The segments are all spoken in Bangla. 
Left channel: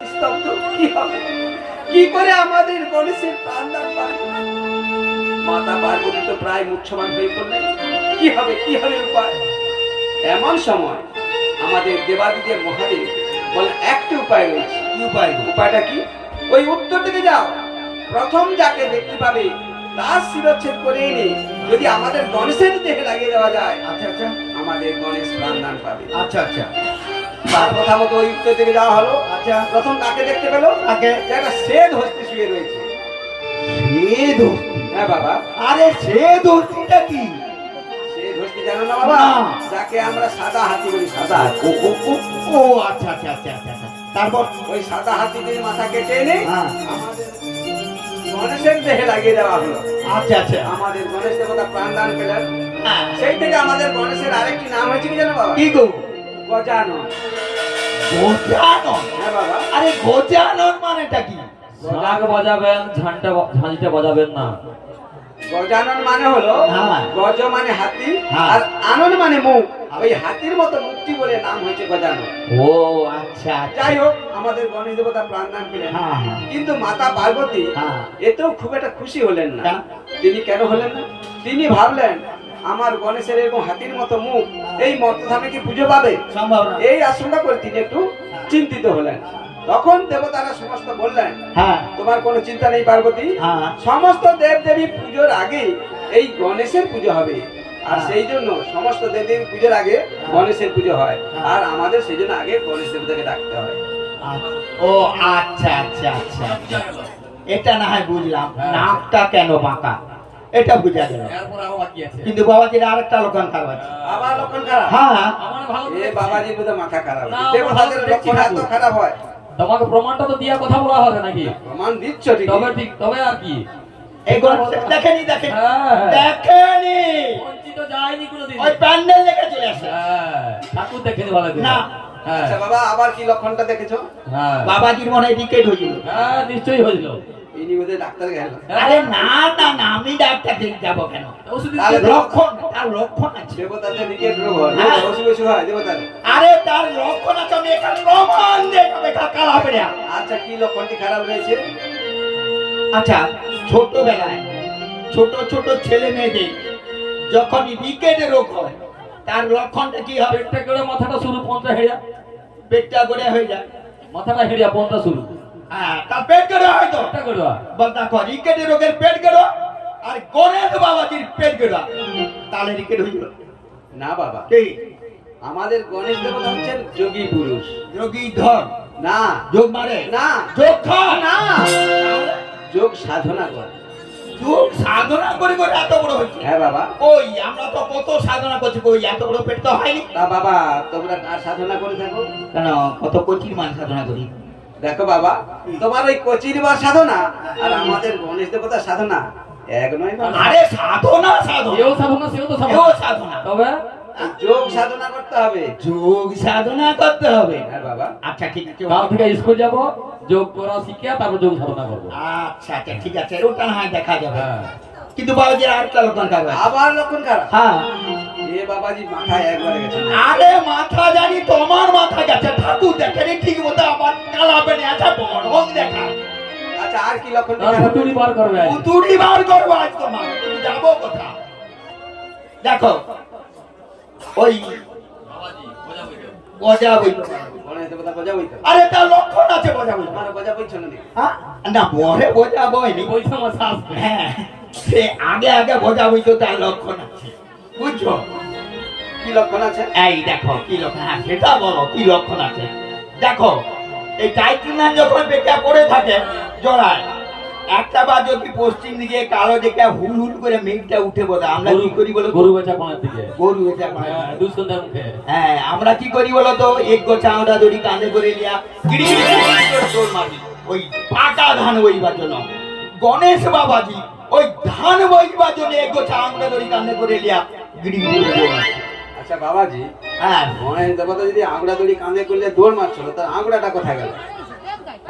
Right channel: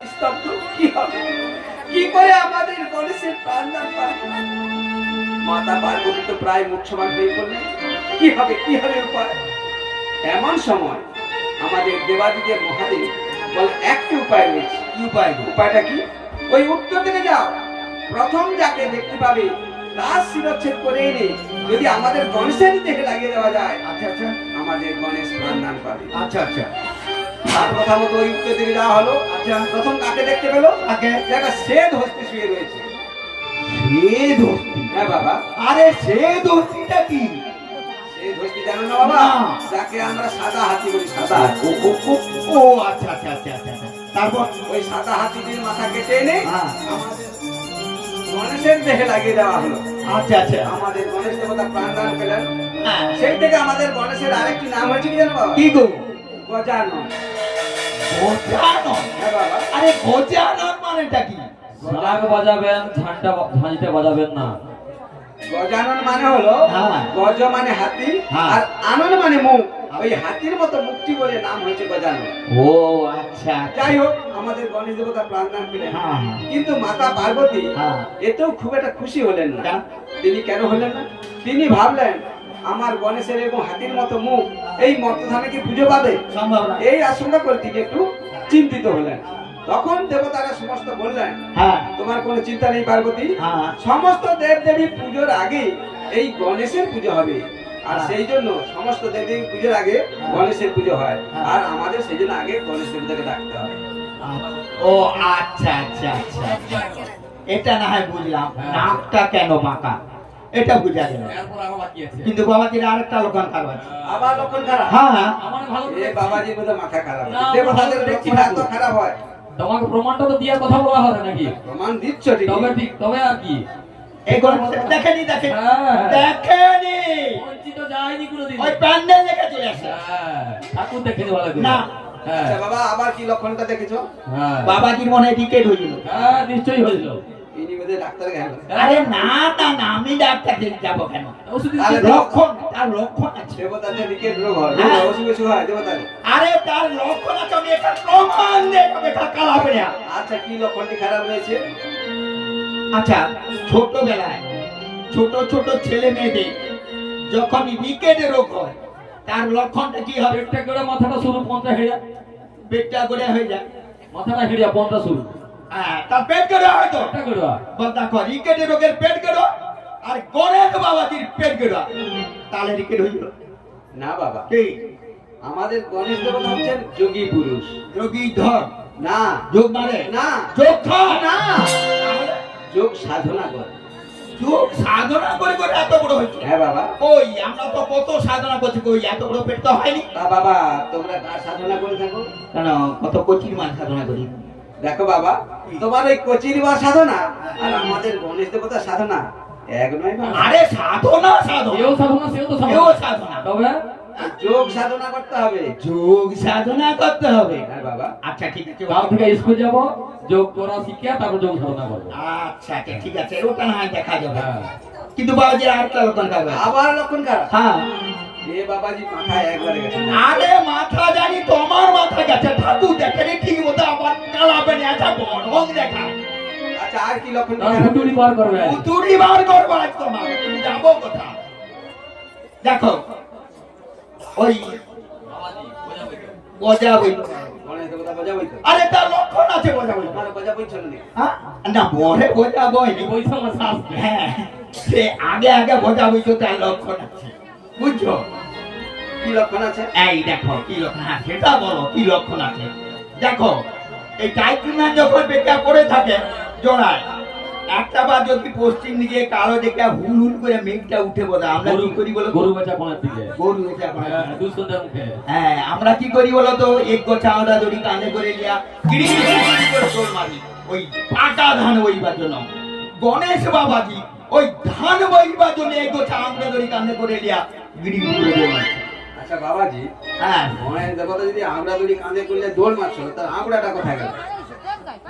স্তব্ধ কি হবে? কি করে আমাদের গণেশের প্রাণদান পাবে? মাতা পার্বতী তো প্রায় মুখ্যমান হয়ে পড়লেন। কি হবে, কি হবে উপায়? এমন সময় আমাদের দেবাদিদেব মহাদেব বলে একটি উপায় রয়েছে। কি উপায়? উপায়টা কি? ওই উত্তর দিকে যাও, প্রথম যাকে দেখতে পাবে তার শিরচ্ছেদ করে এনে যদি আমাদের গণেশের দেহে লাগিয়ে দেওয়া যায়, আচ্ছা আচ্ছা আমাদের গণেশ প্রাণদান পাবে। আচ্ছা আচ্ছা তার কথা মতো ওই উত্তর দিকে যাওয়া হলো। আচ্ছা প্রথম কাকে দেখতে পেলো? কাকে? একটা শ্বেত হস্তি শুয়ে রয়েছে। শ্বেত হস্তি? হ্যাঁ বাবা। আরে শ্বেত হস্তিটা কি? শ্বেত হস্তি জানো না বাবা? না। যাকে আমরা সাদা হাতি বলি। সাদা ও ও ও ও আচ্ছা আচ্ছা আচ্ছা আচ্ছা আচ্ছা। তারপর ওই সাদা হাতিটির মাথা কেটে এনে হ্যাঁ। আমাদের গণেশের দেহে লাগিয়ে দেওয়া হলো। আচ্ছা আচ্ছা আমাদের গণেশ দেবতা প্রাণদান পেলেন। হ্যাঁ। সেই থেকে আমাদের গণেশের আরেকটি নাম হয়েছে কি জানো বাবা? কি গো? গজানন। গজানন? হ্যাঁ বাবা। আরে গজানন মানেটা কি? ঢাক বাজাবেন, ঝাঁঝটা বাজাবেন না। গজানন মানে হলো হ্যাঁ। গজ মানে হাতি হ্যাঁ। আর আনন মানে মুখ। ওই হাতির মতো মুক্তি বলে নাম হয়েছে গজানন। ও আচ্ছা আচ্ছা। যাই হোক, আমাদের গণেশ দেবতা প্রাণদান পেলেন। হ্যাঁ হ্যাঁ কিন্তু মাতা পার্বতী হ্যাঁ। এতেও খুব একটা খুশি হলেন না। কেন? তিনি কেন হলেন না? তিনি ভাবলেন আমার গণেশের এরকম হাতির মতো মুখ এই মর্তধামে কি পুজো পাবে? সম্ভব না। এই আশঙ্কা করে তিনি একটু চিন্তিত হলেন। তখন দেবতারা সমস্ত বললেন, হ্যাঁ তোমার কোনো চিন্তা নেই পার্বতী, হ্যাঁ সমস্ত দেব দেবী পুজোর আগে এই গণেশের পুজো হবে। আর হ্যাঁ। সেই জন্য সমস্ত দেবী পুজোর আগে গণেশের পুজো হয়। হ্যাঁ। আর আমাদের সেই জন্য আগে গণেশ দেবতাকে ডাকতে হয়। ও আচ্ছা আচ্ছা আচ্ছা আচ্ছা। এটা না হয় বুঝলাম, হ্যাঁ। নাকটা কেন বাঁকা এটা বুঝা গেল। এরপর আরো বাকি আছে। কিন্তু বাবাজির আরেকটা লক্ষণ খারাপ আছে। আবার লক্ষণ খারাপ? হ্যাঁ আমার ভালো এ বাবাজি বোধ মাথা খারাপ। না, দেবতাদের আমার লক্ষণ এত খারাপ হয়? তোমাকে প্রমাণটা তো দিয়া কথা বলা হবে নাকি? প্রমাণ দিচ্ছ ঠিক। তবে ঠিক, তবে আর কি? এইগুলো দেখেনি দেখেনি হ্যাঁ। দেখেনি বঞ্চিত যায়নি কোনোদিন। ওই প্যান্ডেল দেখে চলে আসে। হ্যাঁ, ঠাকুর দেখেনি বলে দিল। না। হ্যাঁ, আচ্ছা বাবা, আবার কি লক্ষণটা দেখেছো? হ্যাঁ, বাবাজির মনে হয় রিকেট হয়েছিল। হ্যাঁ, নিশ্চয়ই হয়েছিল। ইনি বোধহয় ডাক্তার গেল। আরে না না না, আমি ডাক্তার দেখে যাবো কেন? ওষুধ দিতে তাহলে হবে। লক্ষণ, তার লক্ষণ আছে। দেবতাদের উইকেট রোগ হয়। হ্যাঁ। অসুখ অসুখ হয় দেবতাদের। আরে তার লক্ষণ আছে, আমি এটা প্রমাণ দেখাবে কাকা হবে না। আচ্ছা, কি লক্ষণটি খারাপ রয়েছে? আচ্ছা, ছোটবেলায় ছোট ছোট ছেলে মেয়েদের যখন রিকেটে রোগ হয় তার লক্ষণটা কি হবে? পেটটা করে মাথাটা শুরু, পনটা হেরিয়া। পেটটা গড়ে হয়ে যায়। মাথাটা হেরিয়া, পনটা শুরু। হ্যাঁ, তার পেট গড়ে হয় তো। পেটটা করে আর। বল দেখো, রিকেটে রোগের পেট গড়ে আর গণেশ বাবাজির পেট গড়ে, তাহলে রিকেট হয়ে গেল। না বাবা, কি? আমাদের গণেশ দেবতা হচ্ছেন যোগী পুরুষ। যোগী ধর না, যোগ মারে না, যোগ খা না, যোগ সাধনা করে। যোগ সাধনা করে করে এত বড় হয়েছে। হ্যাঁ বাবা। ওই আমরা তো কত সাধনা করছি, কই এত বড় পেট তো হয়নি। তা বাবা, তোমরা কার সাধনা করে থাকো? কেন, কত কঠিন মান সাধনা করি। দেখো বাবা, তোমার ওই কচির বা সাধনা আর আমাদের গণেশ দেবতার সাধনা এক নয় বাবা। আরে সাধনা সাধনা, এও সাধনা, সেও তো এও সাধনা। সাধনা। তবে যোগ সাধনা করতে হবে। যোগ সাধনা করতে হবে। হ্যাঁ বাবা। আচ্ছা ঠিক আছে, কাল থেকে স্কুল যাব, যোগ করা শিখিয়া তারপর যোগ সাধনা করবো। আচ্ছা আচ্ছা ঠিক আছে, ওটা না হয় দেখা যাবে। হ্যাঁ, কিন্তু বাবাজি আরেকটা লক্ষণ থাকবে। আবার লক্ষণ খারাপ? হ্যাঁ। এ বাবাজি মাথায় একবারে গেছে। আরে মাথা জানি তোমার মাথা গেছে, ঠাকুর দেখেনি ঠিক মতো, আবার কালাবে না, আচ্ছা ঢং দেখা। আচ্ছা, আর কি লক্ষণ তার খারাপ? হুতুড়ি বার করবে। উতুরি বার করবো আজ তোমার, তুমি যাবো কোথা? দেখো ওই গজা বইতো। গণেশ দেবতা বোঝাবই তো। আরে তার লক্ষণ আছে গজা বইতো। তোমার বোঝাবই চলুন। না বলে বোঝা বইনি। ওই সমস্যা আসবে। হ্যাঁ, সে আগে আগে বোঝা বইতো, তার লক্ষণ আছে, বুঝছো? কি লক্ষণ আছে? এই দেখো কি লক্ষণ আছে, সেটা বলো কি লক্ষণ আছে। দেখো এই টাইটুনান যখন বেটা পড়ে থাকে জড়ায়, একটা বার যদি পশ্চিম দিকে কালো দিকে হুল হুল করে মেঘটা উঠে বলে, আমরা কি করি বলো তো? গরু বেচা কোনার দিকে। গরু হয়েছে এখন। হ্যাঁ, দুঃসন্ধ্যার মুখে। হ্যাঁ, আমরা কি করি বলো তো? এক গোছা আমরা দড়ি কাঁধে করে লিয়া গিরি গিরি গিরি করে দৌড় মারি ওই পাকা ধান বইবার জন্য। গণেশ বাবাজি ওই ধান বইবার জন্য এক গোছা আমরা দড়ি কাঁধে করে লিয়া গিরি গিরি করে দৌড় মারে। আচ্ছা বাবাজি, হ্যাঁ, গণেশ দেবতা যদি আংড়া দড়ি কাঁধে করলে দৌড় মারছিল, তার আংড়াটা কোথায় গেল?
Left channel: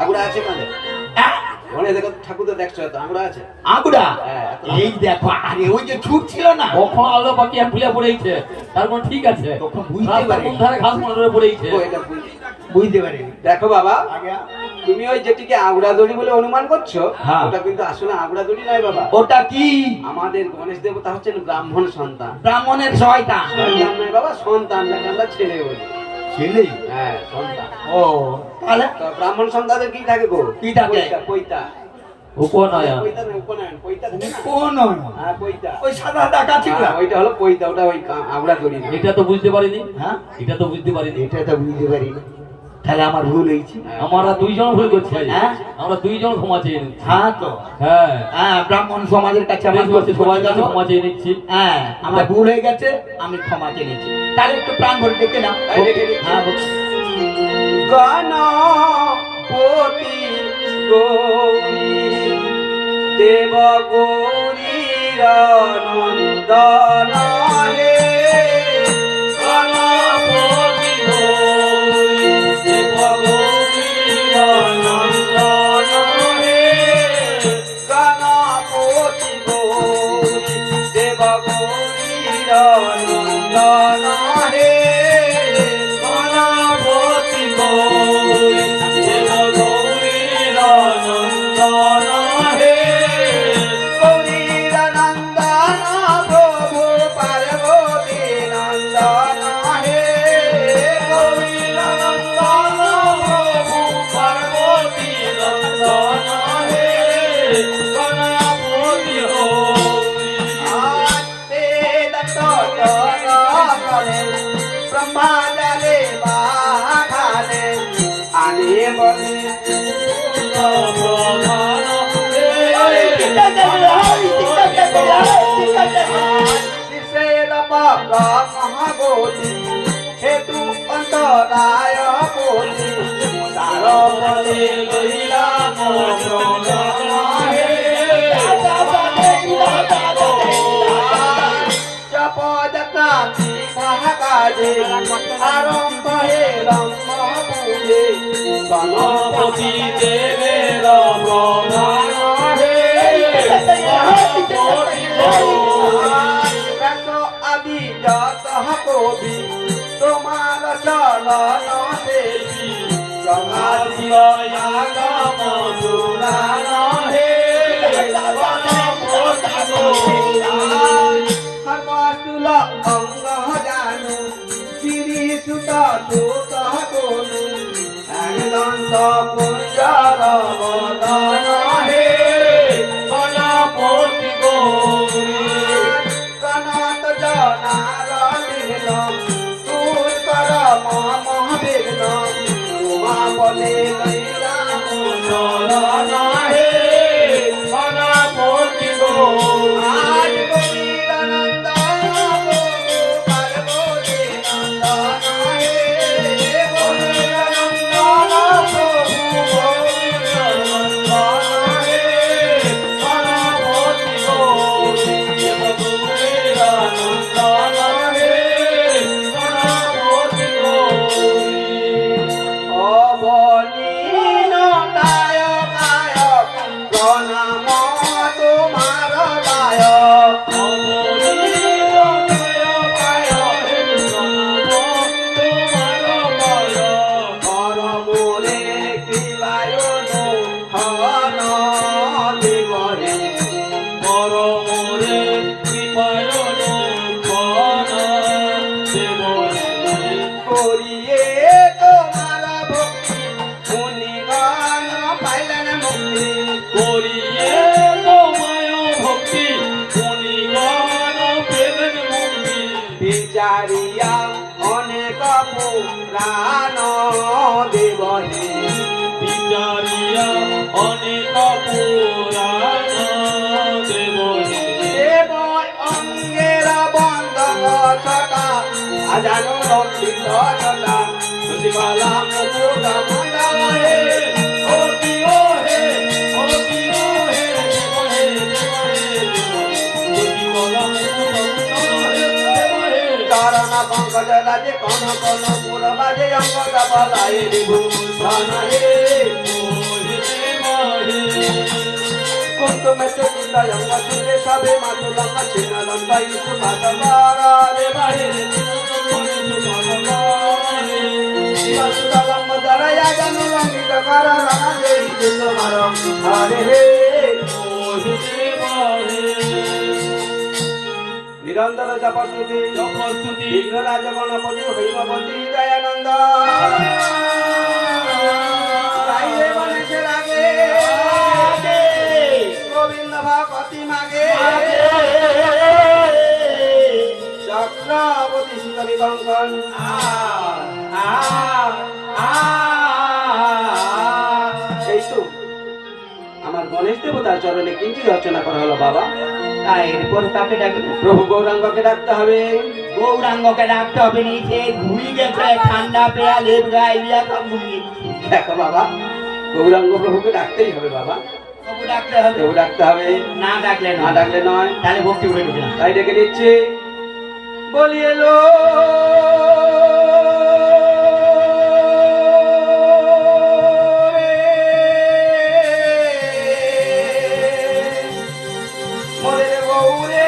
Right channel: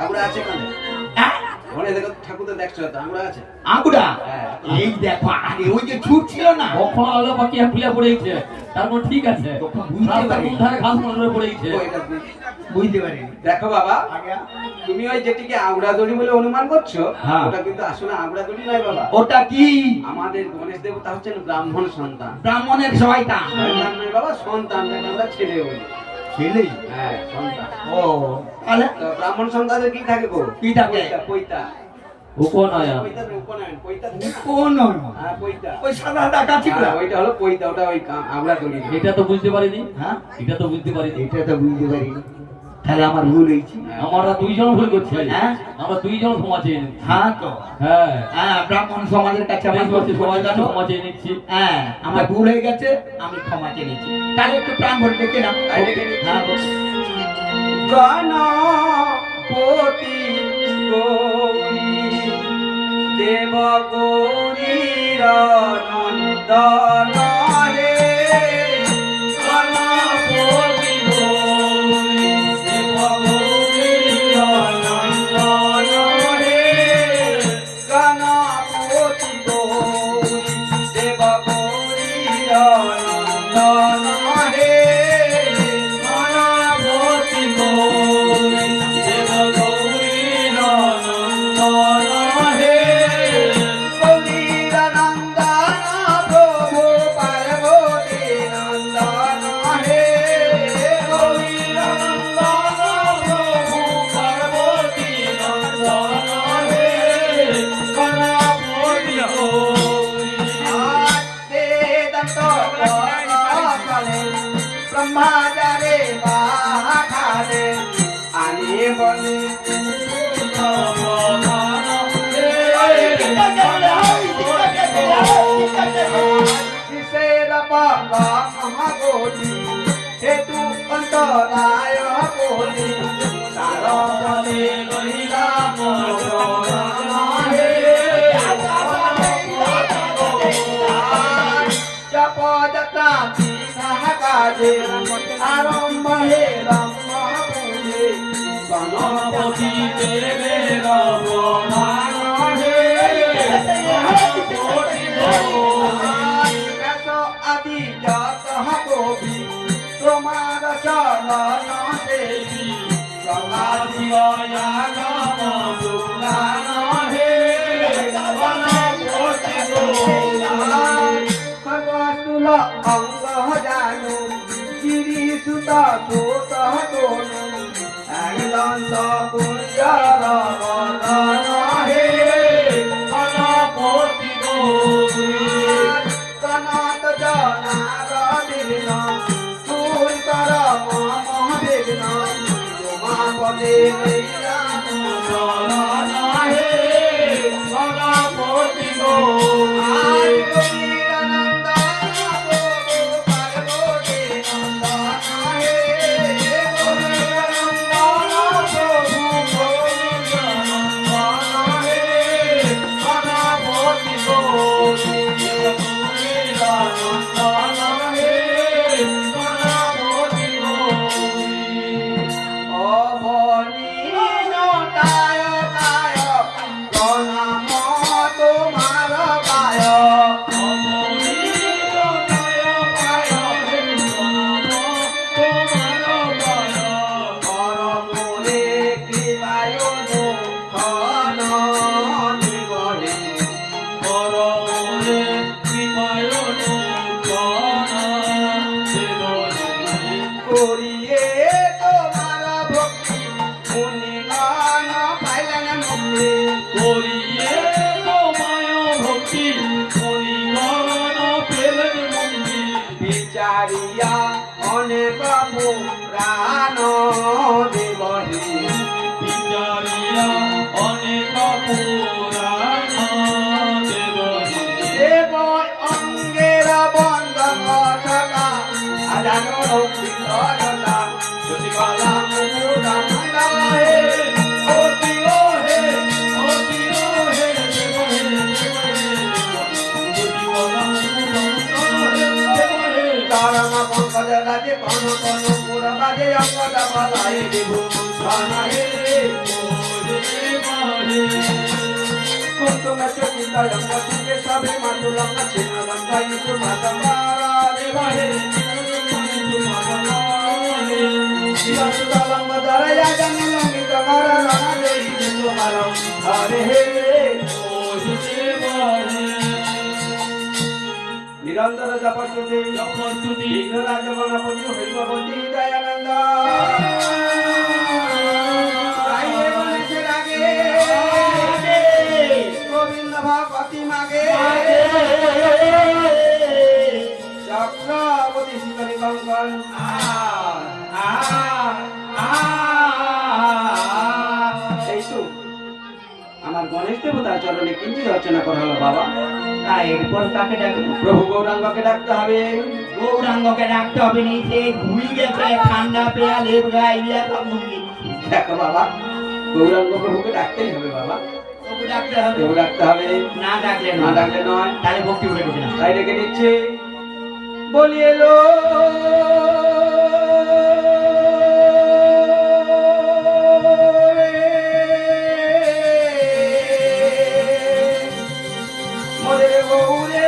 আংড়া আছে কাঁধে? হ্যাঁ, গণেশ দেখো ঠাকুর তো দেখছো তো আঙুড়া আছে আগুড়া হ্যাঁ। এই দেখো আরে ওই যে ছুট ছিল না কখন আলো বাকি ফুলিয়া পড়েছে তারপর ঠিক আছে তখন বুঝতে রাস্তা পারি কোন ধারে ঘাস মনে পড়েছে ও, এটা বুঝতে পারি দেখো বাবা আগে তুমি ওই যেটিকে আঙুড়া দড়ি বলে অনুমান করছো হ্যাঁ। ওটা কিন্তু আসলে আঙুড়া দড়ি নয় বাবা ওটা কি আমাদের গণেশ দেবতা হচ্ছেন ব্রাহ্মণ সন্তান ব্রাহ্মণের শয়তান সন্তান নয় বাবা সন্তান যাকে আমরা ছেলে বলি ছেলে হ্যাঁ সন্তান ও তাহলে তো ব্রাহ্মণ সন্তানের কি থাকে গো কি থাকে? পৈতা, পৈতা উপনয়ন পৈতা না, উপনয়ন পৈতা থাকে। কোন হ্যাঁ পৈতা ওই সাদা টাকা ছিল হ্যাঁ, ওইটা হলো পৈতা ওটা ওই আঙুড়া দড়ি না। এটা তো বুঝতে পারিনি হ্যাঁ এটা তো বুঝতে পারিনি এটা তো বুঝতে পারি না। তাহলে আমার ভুল হয়েছে হ্যাঁ। আমরা দুইজন ভুল করছি হ্যাঁ? আমরা দুইজন ক্ষমা চেয়ে নিচ্ছি হ্যাঁ তো হ্যাঁ হ্যাঁ ব্রাহ্মণ সমাজের কাছে আমার বেশ করছি, সবাই জানো ক্ষমা চেয়ে নিচ্ছি হ্যাঁ আমার ভুল হয়ে গেছে আমি ক্ষমা চেয়ে নিচ্ছি তাহলে একটু প্রাণ ভরে দেখে নাও এই দেখে নিচ্ছি। হ্যাঁ বল। গণপতি গৌরী দেব গৌরীর নন্দন হে গণপতি গৌরী দেব গৌরীর নন্দন হে গণপতি গৌরী দেব গৌরীর নন্দন হে গণপতি গৌরী দেব গৌরীর নন্দন হে গৌরীর নন্দন প্রভু পার্বতী নন্দন হে গৌরীর নন্দন প্রভু পার্বতী নন্দন হে গণপতি গৌরী ব্রহ্মাজারে বাঘারে আনে বলে মহাগৌরী হেতু অন্তরায় কোটি তার বলে লইলাম জপযতা কাজে আরম্ভ হে রম্ভ পুরে গণপতি দেবের প্রধান হে গণপতি ব্যাস আদি যত কবি তোমার চরণ দেবী প্রভাতি আগম পুরাণ হে হরবাতুল অঙ্গ জানু গিরি সুত সুত তনু একদন্ত কুঞ্জর বদন হে গণপতি গৌরী গণত জনার বিঘ্ন দূর কর মম বিঘ্ন তোমা বলে লইলাম শরণ হে গণপতি গৌরী করিয়ে তোমার ভক্তি মুনিগণ পাইলেন মুক্তি করিয়ে তোমায় ভক্তি মুনিগণ পেলেন মুক্তি বিচারিয়া অনেক পুরাণ দেবহে বিচারিয়া অনেক পুরাণ দেবহে দেব অঙ্গের বন্ধ কথা আজানো ভক্তি কথা তুই বালা মুকুটা মুন্ডা হে অতি ও হে অতি ও হে দেব হে অতি বালা মুকুটা দেব হে কারণ পঙ্কজ রাজে কোন কোন পুর বাজে অঙ্গ বালাই বিভূষণ হে হে যায় আমরা সুরে সবে মাতুলাম না চেনা লম্বা ইসু ভাষা মারা রে বাহিরে সুতালাম দ্বারা জাগানি লম্বি তোমারা রানা দেই তোমার আরে হে নিরন্তর জপস্তুতি বিঘ্ন রাজ গণপতি হরিপতি দয়ানন্দ গাইলে গণেশের আগে গোবিন্দ ভগবতী মাগে চক্রবর্তী শিবরী কঙ্কন এই তো আমার গণেশ দেবতার চরণে কিন্তু রচনা করা হলো বাবা। এরপর কাকে ডাকবে? প্রভু গৌরাঙ্গকে ডাকতে হবে। গৌরাঙ্গকে ডাকতে হবে নিচে ঘুমিয়ে গেছে ঠান্ডা পেয়া লেপ গাইলা তো ঘুমিয়ে দেখো বাবা, গৌরাঙ্গ প্রভুকে ডাকতেই হবে বাবা। প্রভু ডাকতে হবে। প্রভু ডাকতে হবে, না ডাকলে না ডাকলে নয়। তাহলে ভক্তি করে দেবে না। তাই ডেকে দিচ্ছে বলি এলো মোদের গৌরে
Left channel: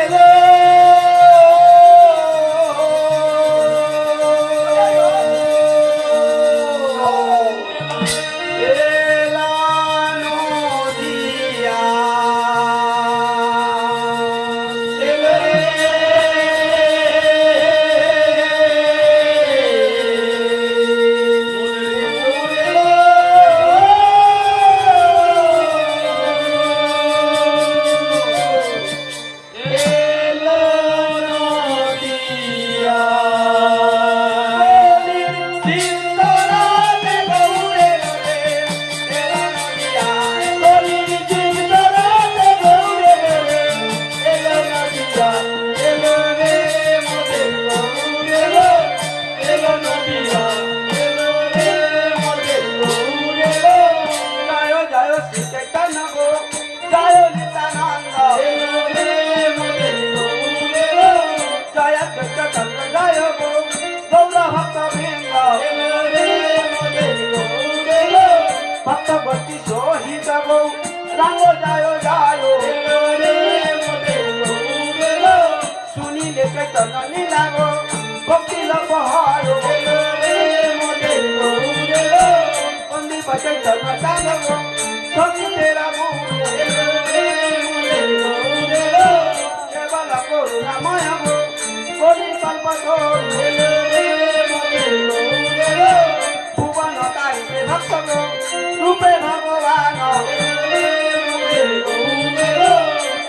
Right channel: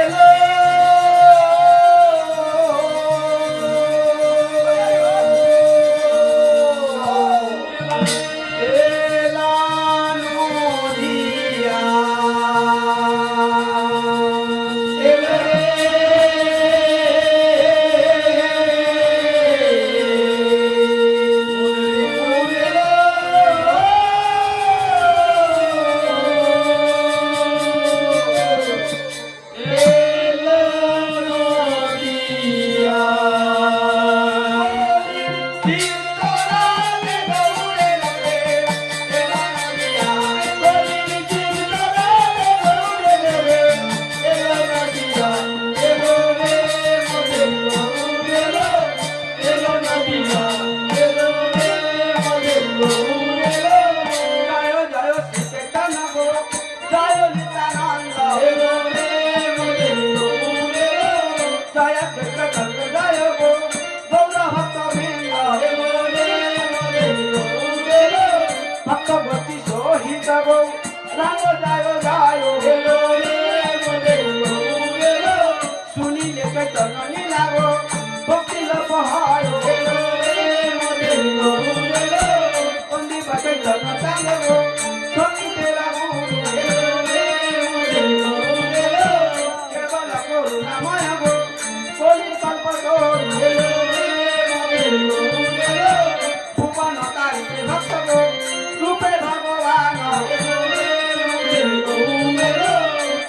রূপে ভগবান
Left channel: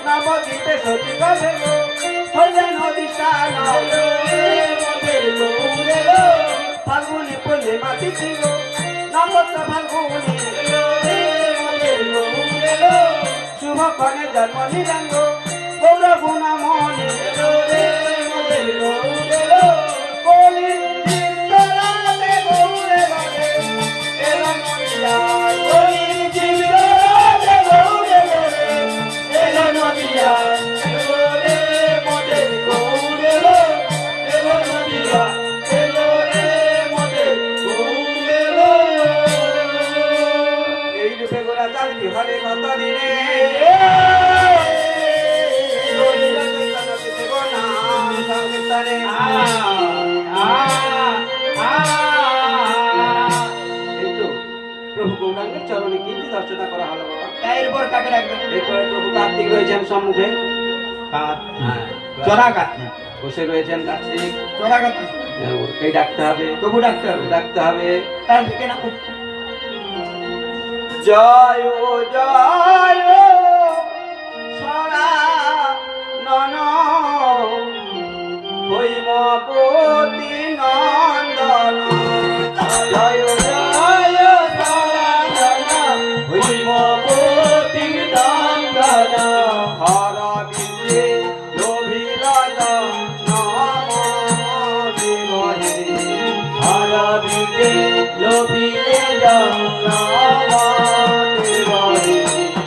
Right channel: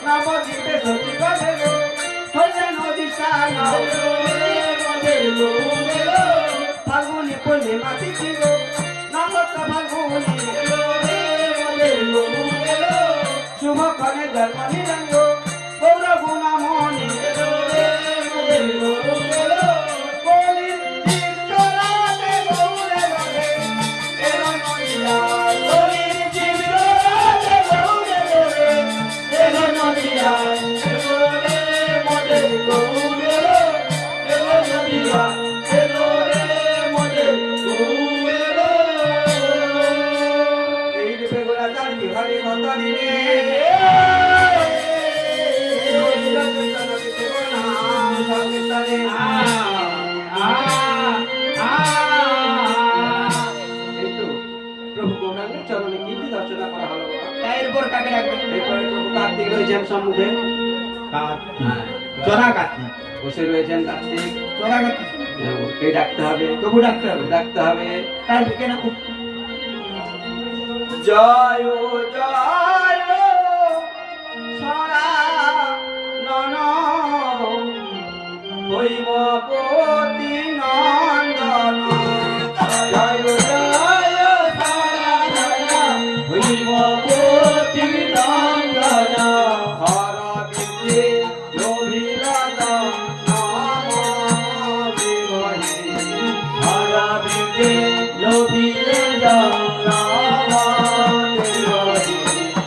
নবদ্বীপে সতী করে হইলে নদী স্নান ফাল্গুনি পূর্ণে মাটি ছিল নবদ্র ফাল্গুনি শুভক্ষণে জন্ম নিরঙ্গ গৌর গুণ মনে হরে কত দিনে প্রভু গৌরাঙ্গের চরণে কীর্তি দর্শনা করা হলো বাবা। এরপর কাকে ডাকবে? এরপরে প্রভু কার্তিক রয়েছেন সম্মুখে, চড়া কাকি বসে রয়েছেন কার্তিক, চড়া কাকি এই ডাকতে হবে, প্রভু ডাকতে হবে। ডাকতে হবে। তাই কেন জয় জয় সরা নন হৈমপতি নন্দন জয় জয় সরা নন হৈমপতি নন্দন হর বিজে লোভিরাজ নাম দেবহে হর বিজে লোভিরাজ নাম দেবহে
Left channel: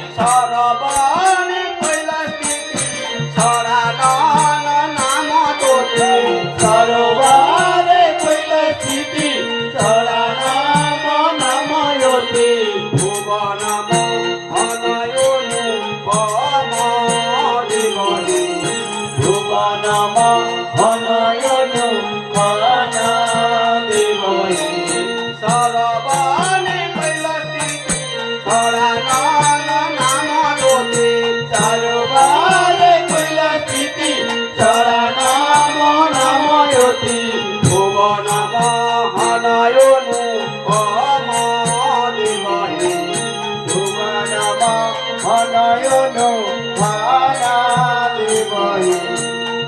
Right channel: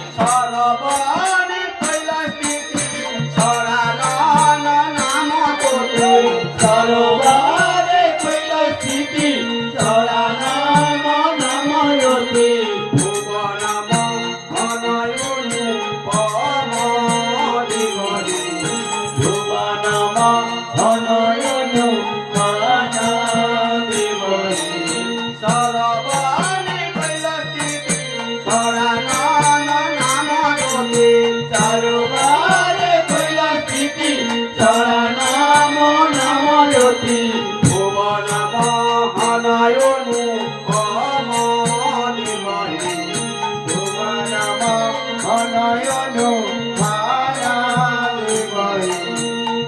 ছড়া নাম তোতে চারবারে কইল স্থিতি ছড়া নাম নাময়তি ভুবন মহানয়নু অমাদেবহে ভুবনাম অনয়ন ভানাদেবহি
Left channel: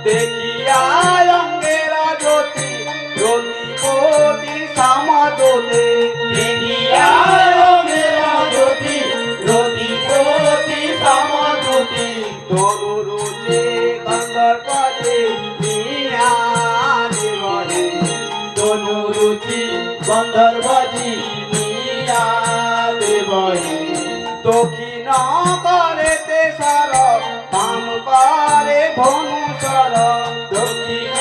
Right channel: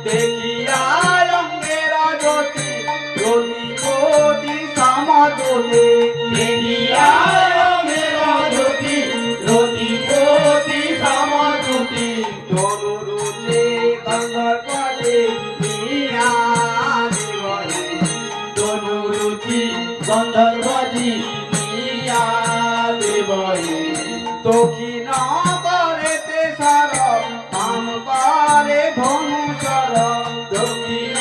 দেখিয়া রঙ্গেরা জ্যোতি প্রতিপতি সমাদোলে দেখিয়া মেরা জ্যোতি রতি প্রতি সমতুতি তনুরুচে গন্ধর্বদে মিয়া দেবহে তনুরুচি গন্ধর্বজি মিয়া দেবহি দক্ষিণ করেতে সর বাম করে ধনুসর দক্ষিণ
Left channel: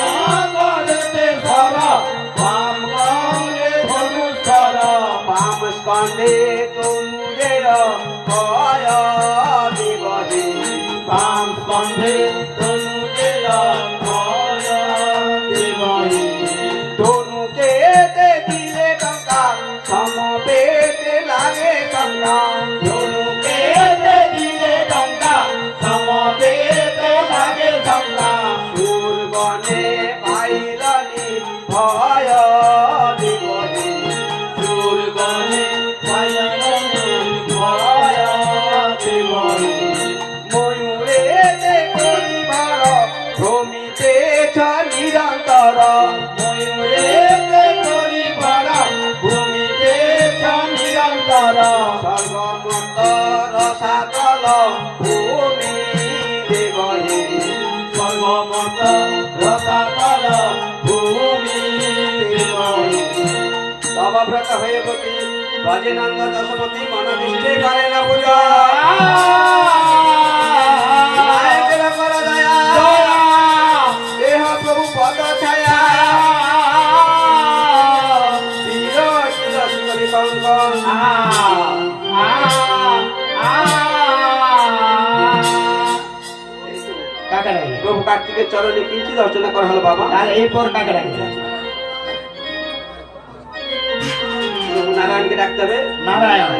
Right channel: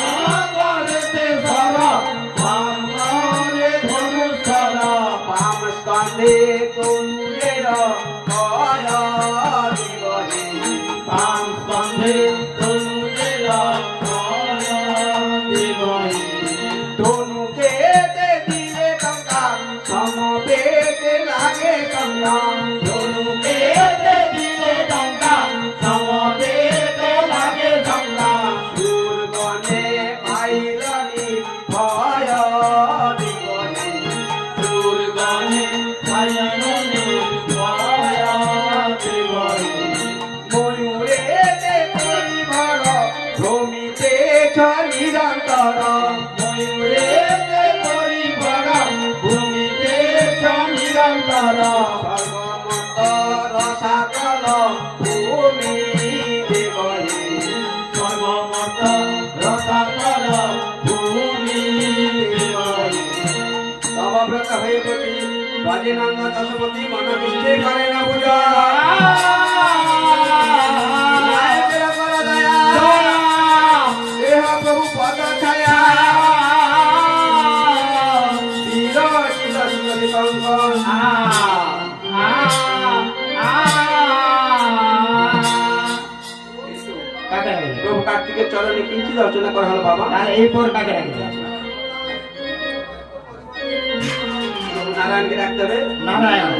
করতে ধর বাম করে ধনুষর বাম স্কন্ধে তনুরের ভয় দেবহে বাম স্কন্ধে তনুজের ভয় দেবহি তনুকে দিলে টঙ্কার সমবেতে লাগে সংগ্রাম ধনুকে দিলে টঙ্কা সমবেতে লাগে সংগ্রাম দুর্গণে পাইলানি ভয় দেবহে দুর্গণে পায়নি ভয় দেবহি ময়ূরেতে পরিবার ভ্রমিতে নিরন্তর ময়ূরে পরিবার ভূমিতে নিরন্তর সর্বমত রসাতল ভূমি দেবহে সর্বমত রসাতল ভূমি দেবহি সমাব্রত হয়ে প্রতি ভজনাঙ্গ দশপতি মনোনিষ্ঠে করে না পূজা নায়কের কর দয়া দেহ প্রভু পদ ছায়া বীর শিব শিব দীপঙ্কর কাকে রাখবে প্রভু কার্তিকের চরণে কিঞ্চিত অর্চনা করা হলো বাবা তার এই পর কাকে রাখবে প্রভু নারায়ণকে ডাকতে হবে নারায়ণ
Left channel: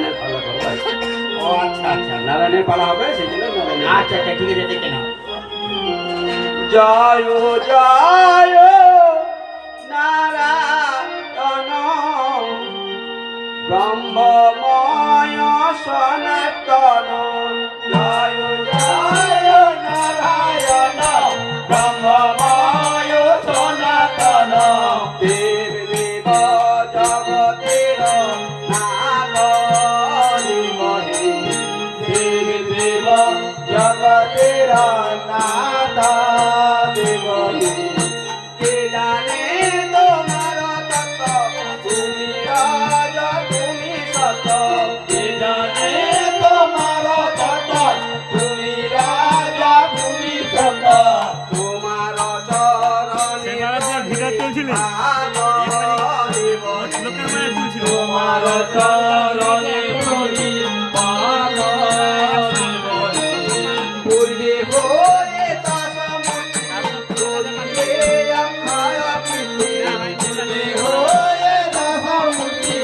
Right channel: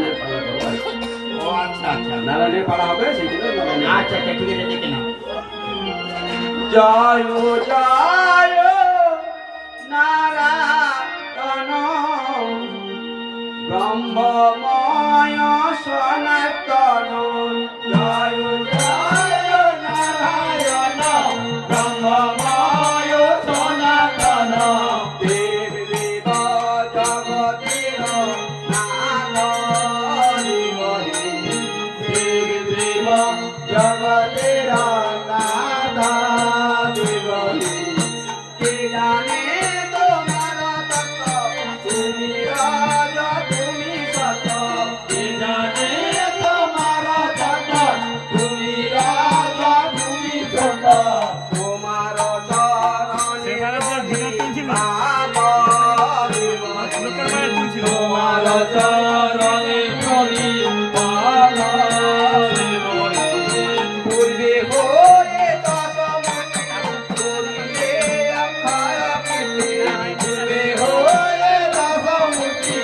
ও আচ্ছা আচ্ছা নারায়ণের পালা হবে সেই জন্য নারায়ণ। আচ্ছা আচ্ছা ঠিক আছে দেখে নাও জয় জয় নারায়ণ ব্রহ্মময় সনাতন জয় জয় নারায়ণ ব্রহ্মময় সনাতন দেব দেব জগতের নাথ দেবহে দেব দেব জগতের নাথ দেবহি কে জানে তোমার তত্ত্ব তুমি রাজা তুমি সত কে জানে তোমার কত তুমি রাজা তুমি সত তোমার চরণে সেবারে যে ভিডিও তুলছিল লোকের মায়ের তুলছিল তোমার চরণে মনি পাদ দেবহি পূর্বে হয়ে দশমুখী করিলে অক্ষর কীর্তি না হয় নিলামে হয়ে দশমুখী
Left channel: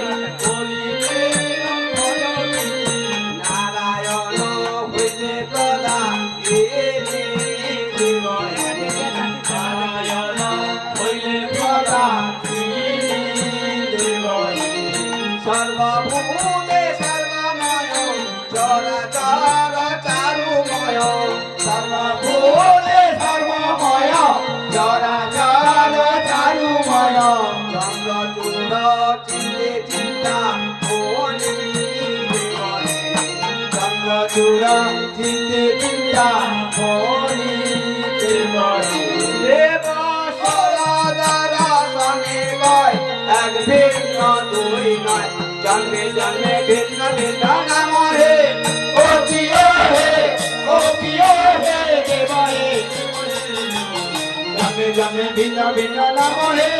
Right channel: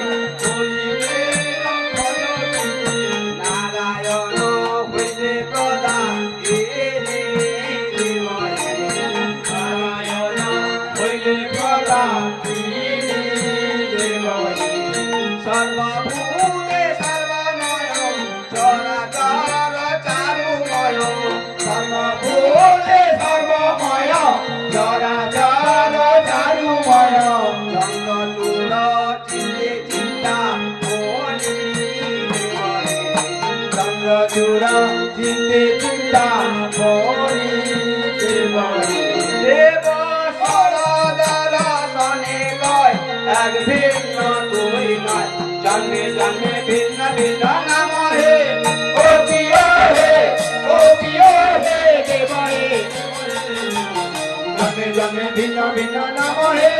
করিলে অক্ষয় কীর্তি নারায়ণ হইতে প্রদান নারায়ণ হইলে প্রদান দেবহি সর্বভূতে সর্বময় চরাচর চারুময় সর্বভূতে সর্বময় চরাচর চারুময় চন্দ্রচূড় চিন্তে চিন্তা মনি দেবহে চন্দ্রচূড় চিন্তে চিন্তা মনি দেবহি দেব সরদার সনে কয় এক ভিন্ন দুই নয় জন্মে জন্মে ভিন্ন ভিন্ন নাম হে ওপিও হে দেবহি জন্মে জন্মে ভিন্ন ভিন্ন নাম হে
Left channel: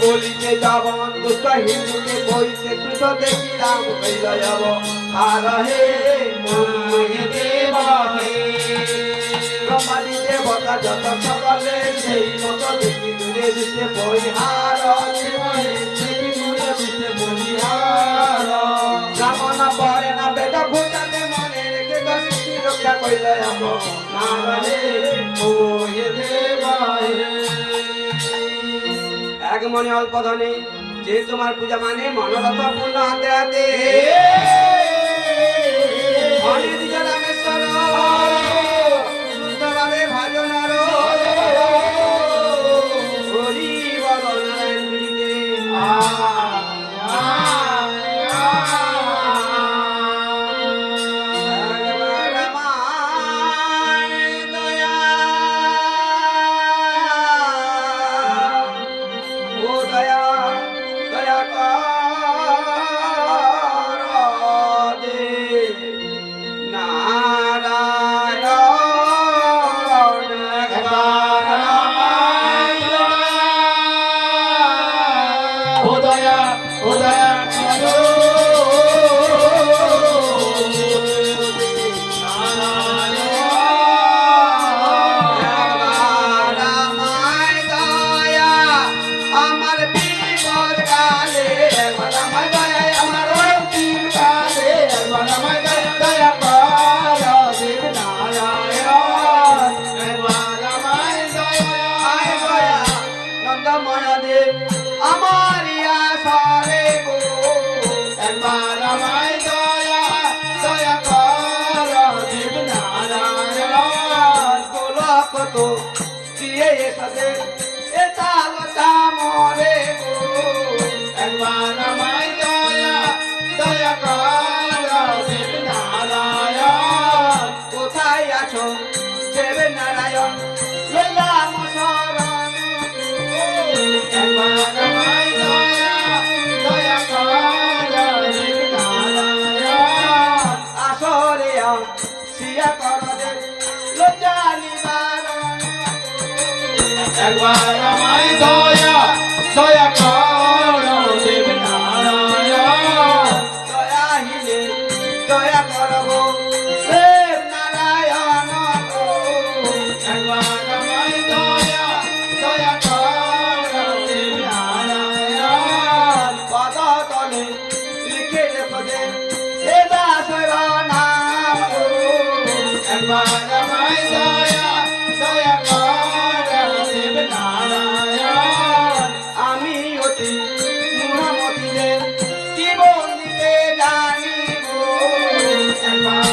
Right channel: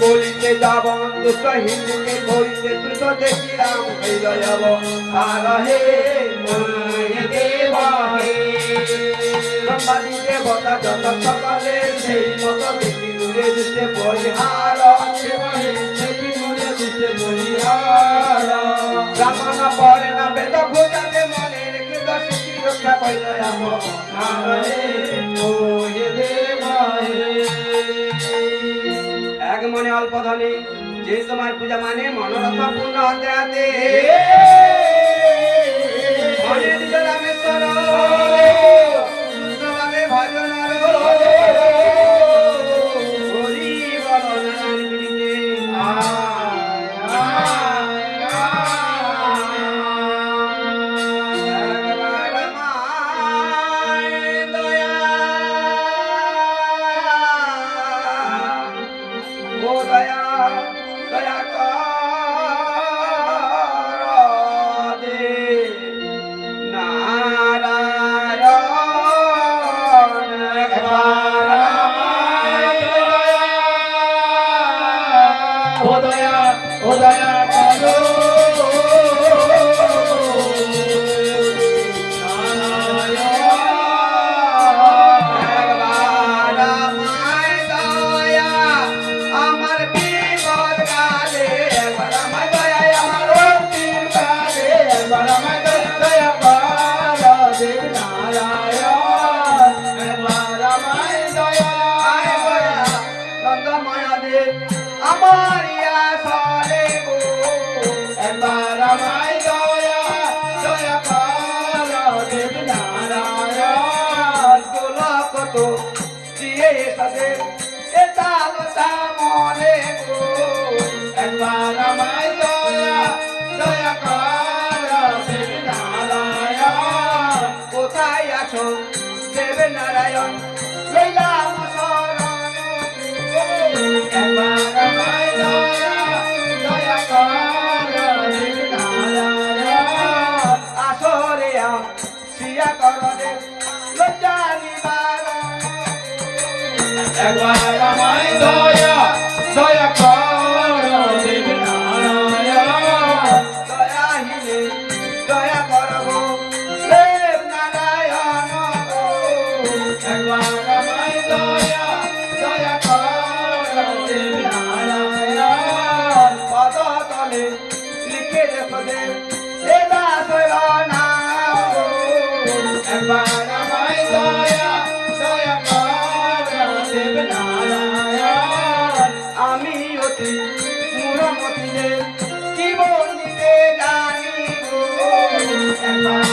বলিতে যাব দুষ্ট হিন্দুকে বইতে দুষ্ট দেখি রাম হইল যাব আর হে মনে দেবহে ব্রহ্মাদি দেবতা যত সকলে সেই মত দেখি দূরে দৃষ্টে পরিহার দেখি দূরে দৃষ্টে পরিহার রাবণ পরে না কইলে এক মনে অল্প ধনে যে তোমার পূজা মানে মনোরথ পূর্ণ হতে হাতে ধনে দিজ রামেশ্বর শুদ্ধভাবে ভজন হরি বল নারায়ণ I'm